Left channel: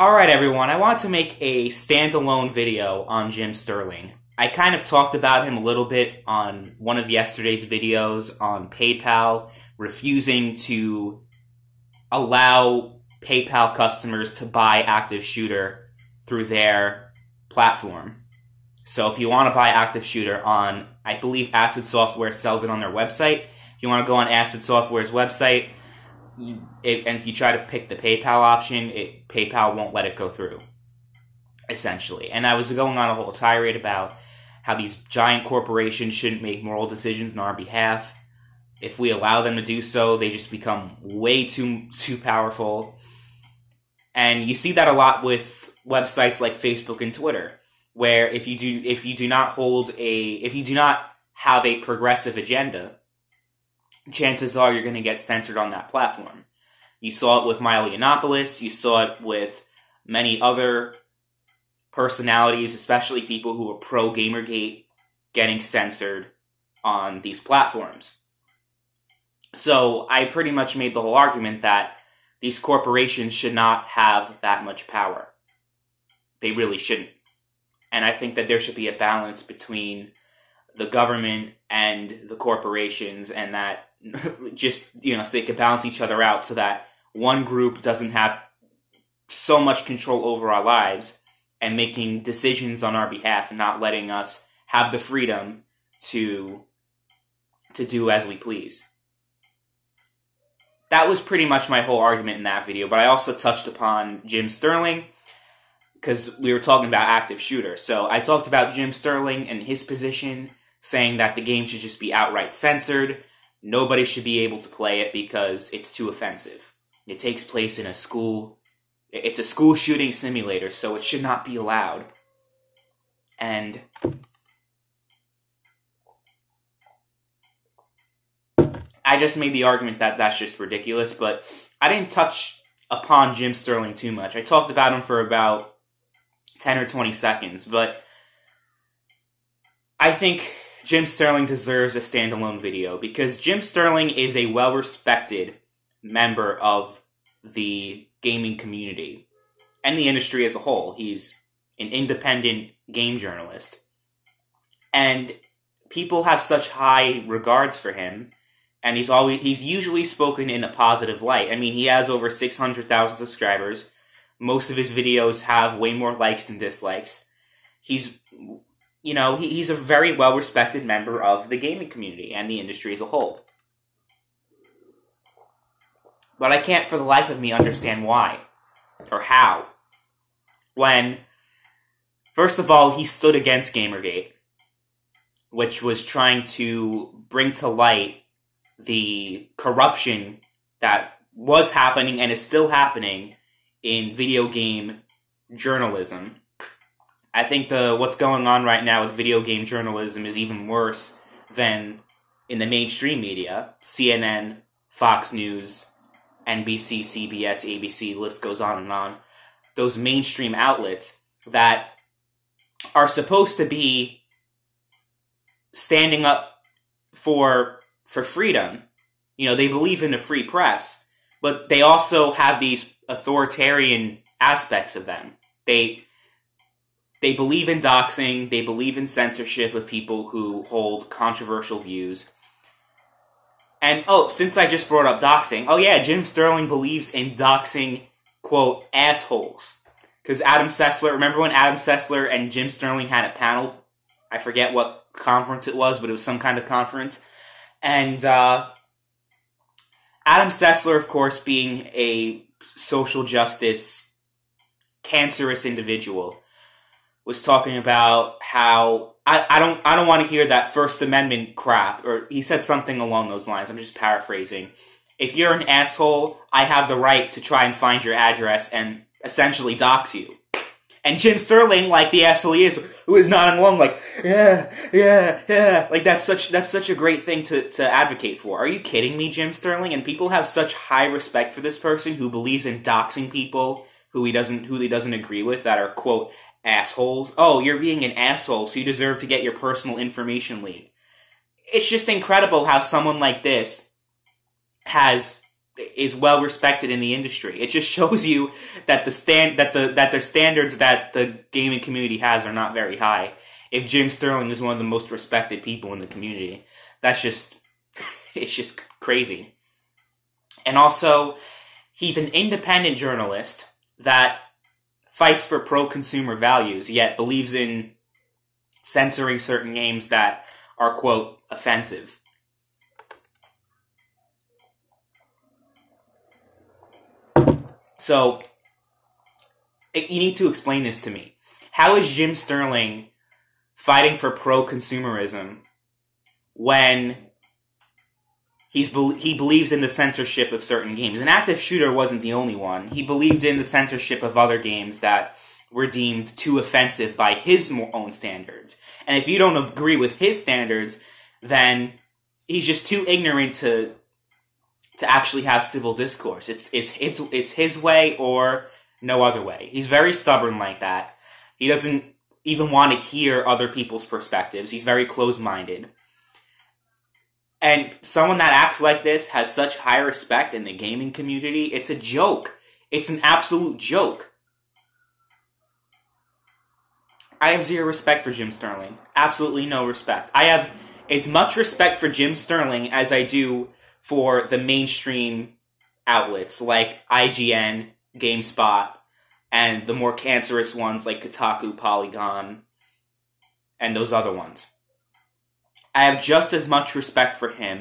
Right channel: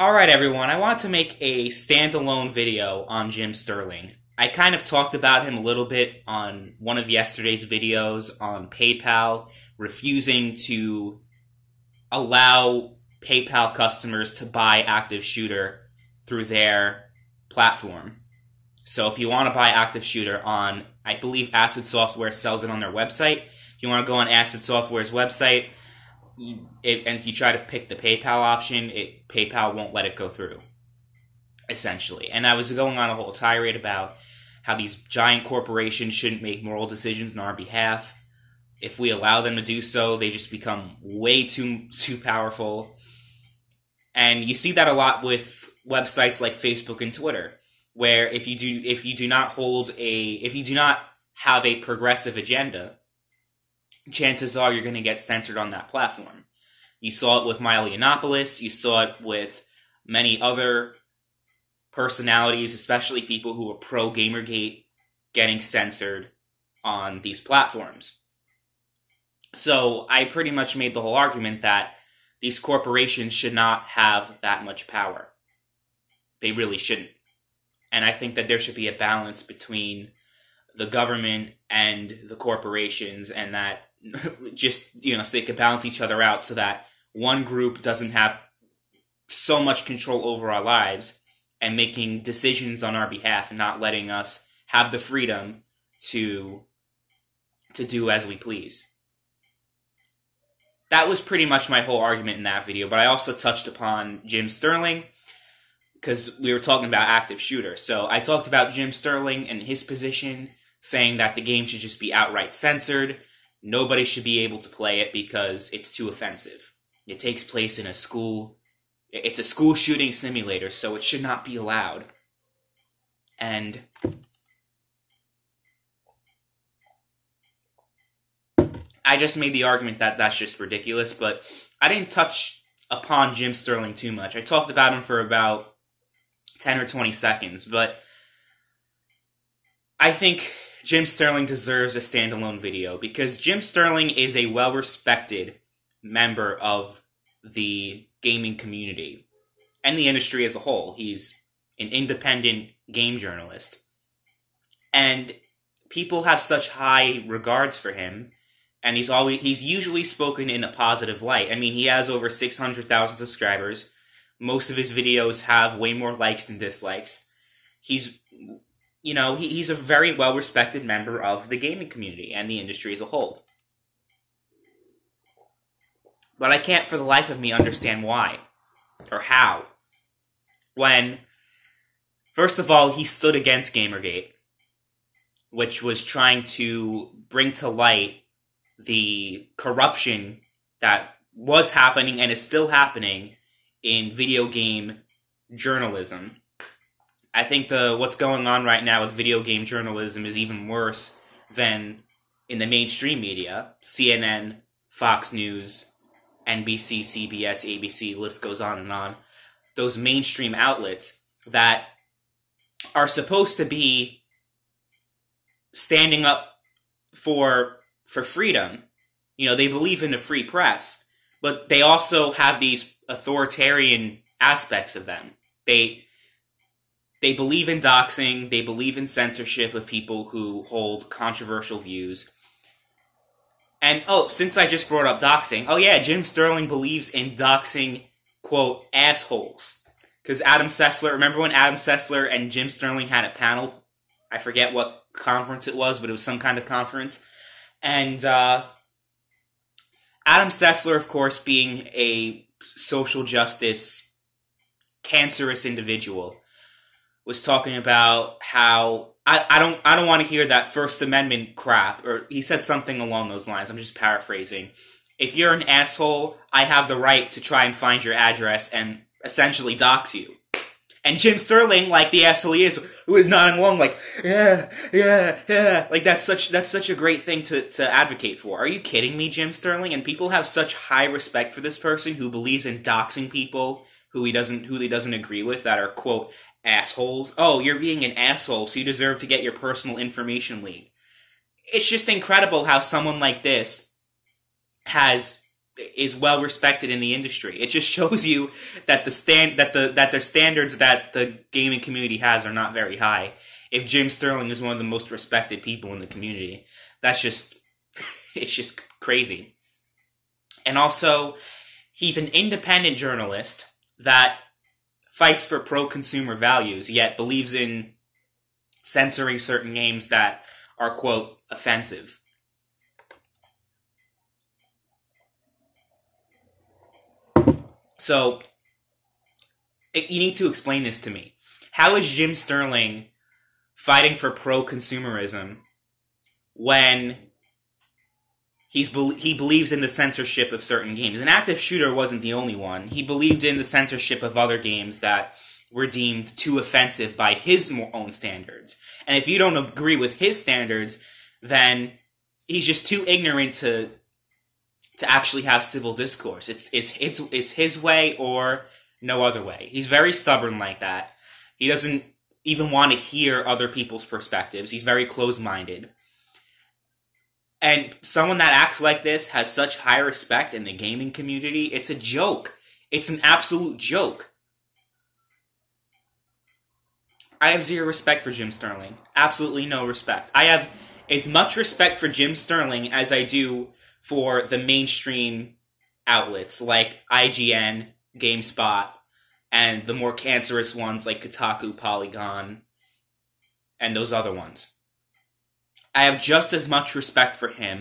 Alright everyone, I want to make a standalone video on Jim Sterling. I kind of talked about him a little bit on one of yesterday's videos on PayPal, refusing to allow PayPal customers to buy Active Shooter through their platform. So if you want to buy Active Shooter on, I believe Acid Software sells it on their website. If you want to go on Acid Software's website, and if you try to pick the PayPal option, PayPal won't let it go through, essentially. And I was going on a whole tirade about how these giant corporations shouldn't make moral decisions on our behalf. If we allow them to do so, they just become way too powerful. And you see that a lot with websites like Facebook and Twitter, where if you do not have a progressive agenda, chances are you're going to get censored on that platform. You saw it with Milo Yiannopoulos. You saw it with many other personalities, especially people who were pro-Gamergate, getting censored on these platforms. So I pretty much made the whole argument that these corporations should not have that much power. They really shouldn't. And I think that there should be a balance between the government and the corporations, and that just, so they can balance each other out so that one group doesn't have so much control over our lives and making decisions on our behalf and not letting us have the freedom to do as we please. That was pretty much my whole argument in that video, but I also touched upon Jim Sterling because we were talking about Active Shooter. So I talked about Jim Sterling and his position, saying that the game should just be outright censored. Nobody should be able to play it because it's too offensive. It takes place in a school. It's a school shooting simulator, so it should not be allowed. And I just made the argument that that's just ridiculous, but I didn't touch upon Jim Sterling too much. I talked about him for about 10 or 20 seconds, but I think Jim Sterling deserves a standalone video because Jim Sterling is a well-respected member of the gaming community and the industry as a whole. He's an independent game journalist, and people have such high regards for him, and he's usually spoken in a positive light. I mean, he has over 600,000 subscribers. Most of his videos have way more likes than dislikes. He's a very well-respected member of the gaming community and the industry as a whole. But I can't for the life of me understand why or how. When, first of all, he stood against Gamergate, which was trying to bring to light the corruption that was happening and is still happening in video game journalism. I think what's going on right now with video game journalism is even worse than in the mainstream media. CNN, Fox News, NBC, CBS, ABC, the list goes on and on. Those mainstream outlets that are supposed to be standing up for freedom. They believe in the free press, but they also have these authoritarian aspects of them. They believe in doxing, they believe in censorship of people who hold controversial views. And, since I just brought up doxing, Jim Sterling believes in doxing, quote, assholes. Because remember when Adam Sessler and Jim Sterling had a panel? I forget what conference it was, but it was some kind of conference. And Adam Sessler, of course, being a social justice, cancerous individual, was talking about how I don't want to hear that First Amendment crap, or he said something along those lines. I'm just paraphrasing. If you're an asshole, I have the right to try and find your address and essentially dox you. And Jim Sterling, like the asshole he is, who is nodding along like, yeah, like that's such a great thing to advocate for. Are you kidding me, Jim Sterling? And people have such high respect for this person who believes in doxing people who he doesn't agree with that are, quote, assholes. Oh, you're being an asshole, so you deserve to get your personal information leaked. It's just incredible how someone like this is well respected in the industry. It just shows you that their standards that the gaming community has are not very high. If Jim Sterling is one of the most respected people in the community, it's just crazy. And also, he's an independent journalist that fights for pro-consumer values, yet believes in censoring certain games that are, quote, offensive. So, you need to explain this to me. How is Jim Sterling fighting for pro-consumerism when he believes in the censorship of certain games? An active shooter wasn't the only one. He believed in the censorship of other games that were deemed too offensive by his own standards. And if you don't agree with his standards, then he's just too ignorant to actually have civil discourse. It's his way or no other way. He's very stubborn like that. He doesn't even want to hear other people's perspectives. He's very closed-minded. And someone that acts like this has such high respect in the gaming community. It's a joke. It's an absolute joke. I have zero respect for Jim Sterling. Absolutely no respect. I have as much respect for Jim Sterling as I do for the mainstream outlets like IGN, GameSpot, and the more cancerous ones like Kotaku, Polygon, and those other ones. I have just as much respect for him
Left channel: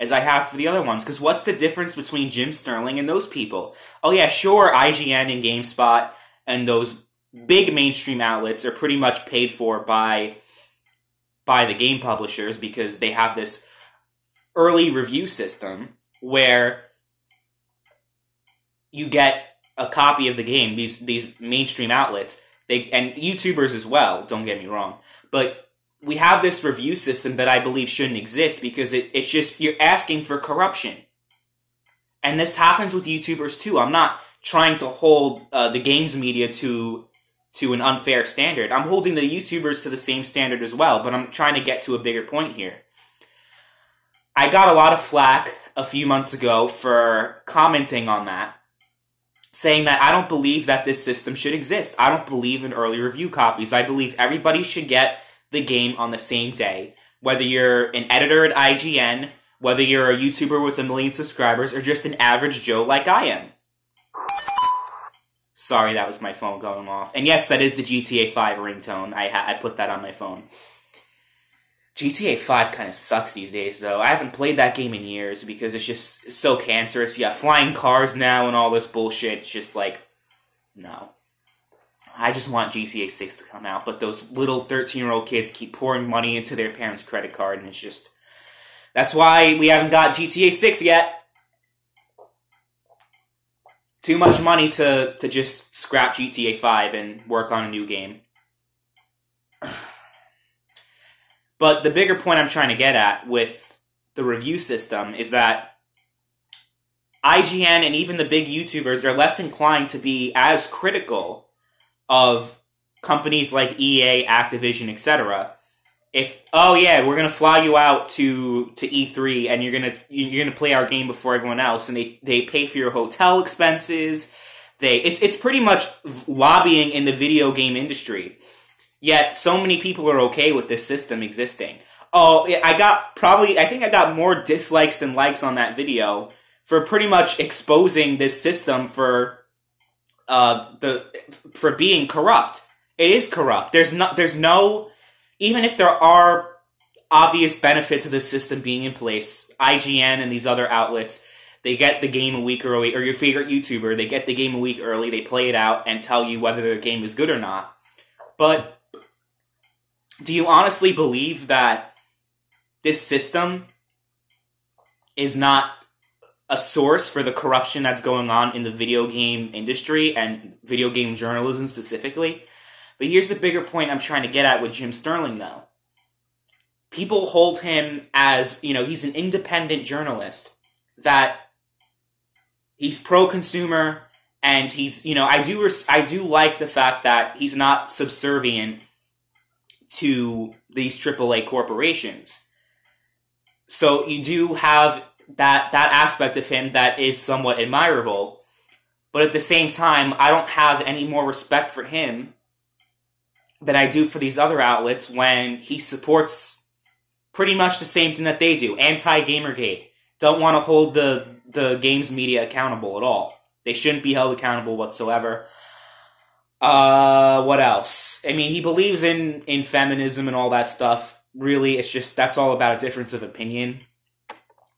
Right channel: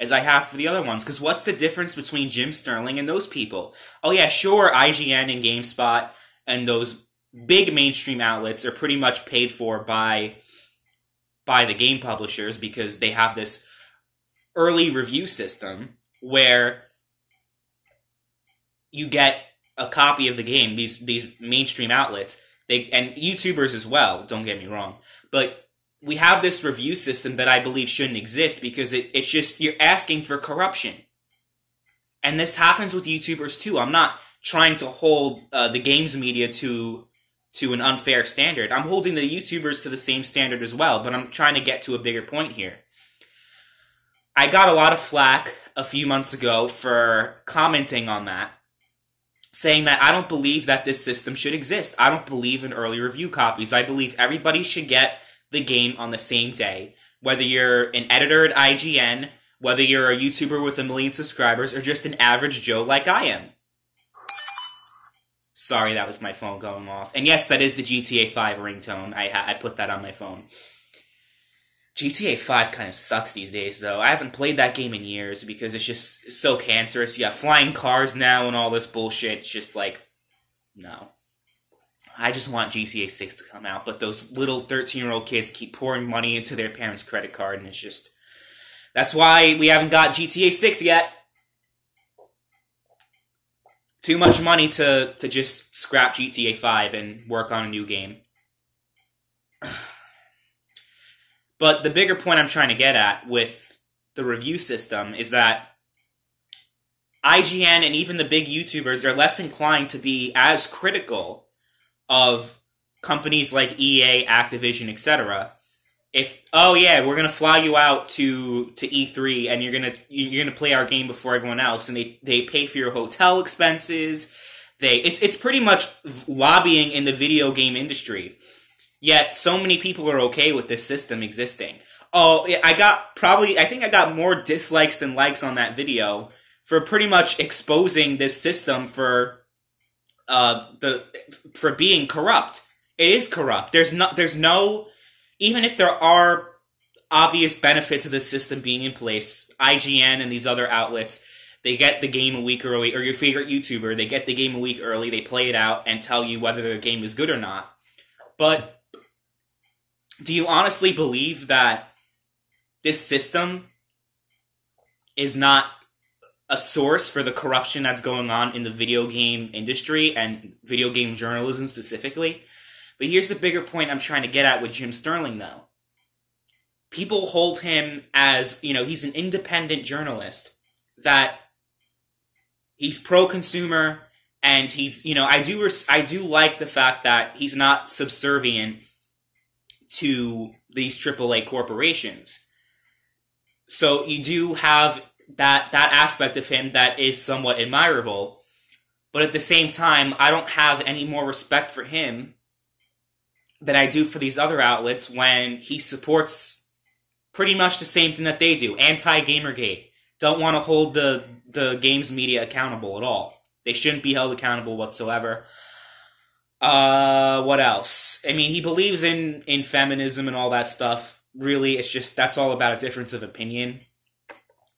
as I have for the other ones, because what's the difference between Jim Sterling and those people? Oh yeah, sure, IGN and GameSpot and those big mainstream outlets are pretty much paid for by the game publishers because they have this early review system where you get a copy of the game, these mainstream outlets, and YouTubers as well, don't get me wrong, but we have this review system that I believe shouldn't exist because it's just, you're asking for corruption. And this happens with YouTubers too. I'm not trying to hold the games media to an unfair standard. I'm holding the YouTubers to the same standard as well, but I'm trying to get to a bigger point here. I got a lot of flack a few months ago for commenting on that, saying that I don't believe that this system should exist. I don't believe in early review copies. I believe everybody should get the game on the same day. Whether you're an editor at IGN, whether you're a YouTuber with 1 million subscribers, or just an average Joe like I am. Sorry, that was my phone going off. And yes, that is the GTA 5 ringtone. I put that on my phone. GTA 5 kind of sucks these days, though. I haven't played that game in years because it's just so cancerous. You have flying cars now and all this bullshit. It's just like, no. I just want GTA 6 to come out, but those little 13-year-old kids keep pouring money into their parents' credit card, and it's just... That's why we haven't got GTA 6 yet. Too much money to just scrap GTA 5 and work on a new game. But the bigger point I'm trying to get at with the review system is that IGN and even the big YouTubers are less inclined to be as critical of companies like EA, Activision, etc. If, oh yeah, we're gonna fly you out to E3 and you're gonna play our game before everyone else, and they pay for your hotel expenses. It's pretty much lobbying in the video game industry. Yet so many people are okay with this system existing. Oh, I think I got more dislikes than likes on that video for pretty much exposing this system for being corrupt. It is corrupt. There's no, even if there are obvious benefits of this system being in place, IGN and these other outlets, they get the game a week early, or your favorite YouTuber, they get the game a week early, they play it out and tell you whether the game is good or not. But do you honestly believe that this system is not a source for the corruption that's going on in the video game industry and video game journalism specifically? But here's the bigger point I'm trying to get at with Jim Sterling, though. People hold him as, he's an independent journalist, that he's pro-consumer, and he's, I do like the fact that he's not subservient to these AAA corporations. So you do have that aspect of him that is somewhat admirable. But at the same time, I don't have any more respect for him than I do for these other outlets when he supports pretty much the same thing that they do. Anti-Gamergate. Don't want to hold the games media accountable at all. They shouldn't be held accountable whatsoever. What else? I mean, he believes in feminism and all that stuff. Really, it's just, that's all about a difference of opinion.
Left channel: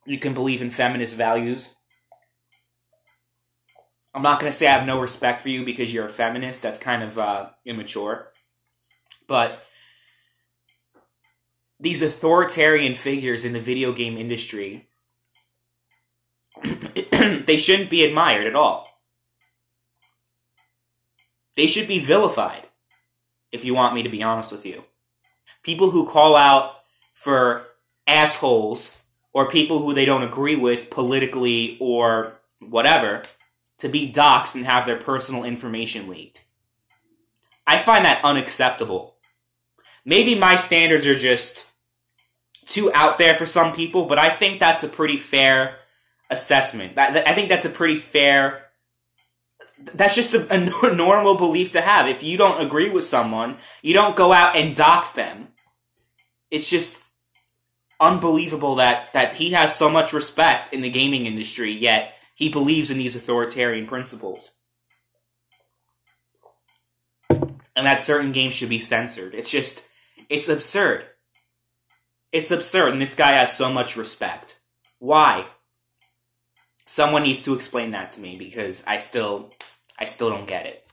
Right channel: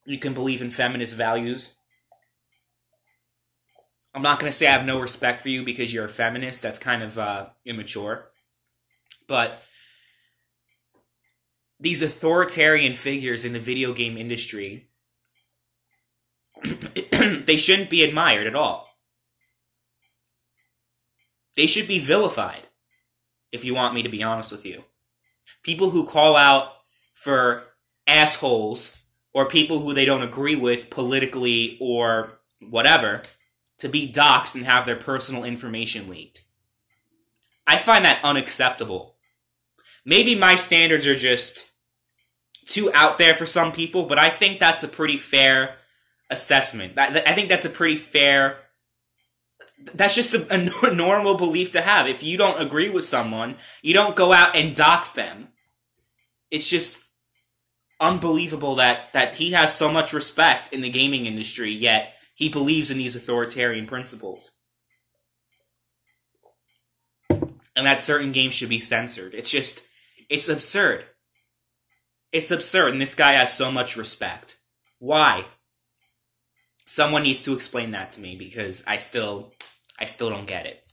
You can believe in feminist values. I'm not going to say I have no respect for you because you're a feminist. That's kind of immature. But these authoritarian figures in the video game industry, they shouldn't be admired at all. They should be vilified, if you want me to be honest with you. People who call out for assholes or people who they don't agree with politically or whatever to be doxxed and have their personal information leaked. I find that unacceptable. Maybe my standards are just too out there for some people, but I think that's a pretty fair assessment. I think that's a pretty fair... That's just a normal belief to have. If you don't agree with someone, you don't go out and dox them. It's just unbelievable that he has so much respect in the gaming industry, yet he believes in these authoritarian principles. And that certain games should be censored. It's absurd. It's absurd, and this guy has so much respect. Why? Someone needs to explain that to me, because I still don't get it.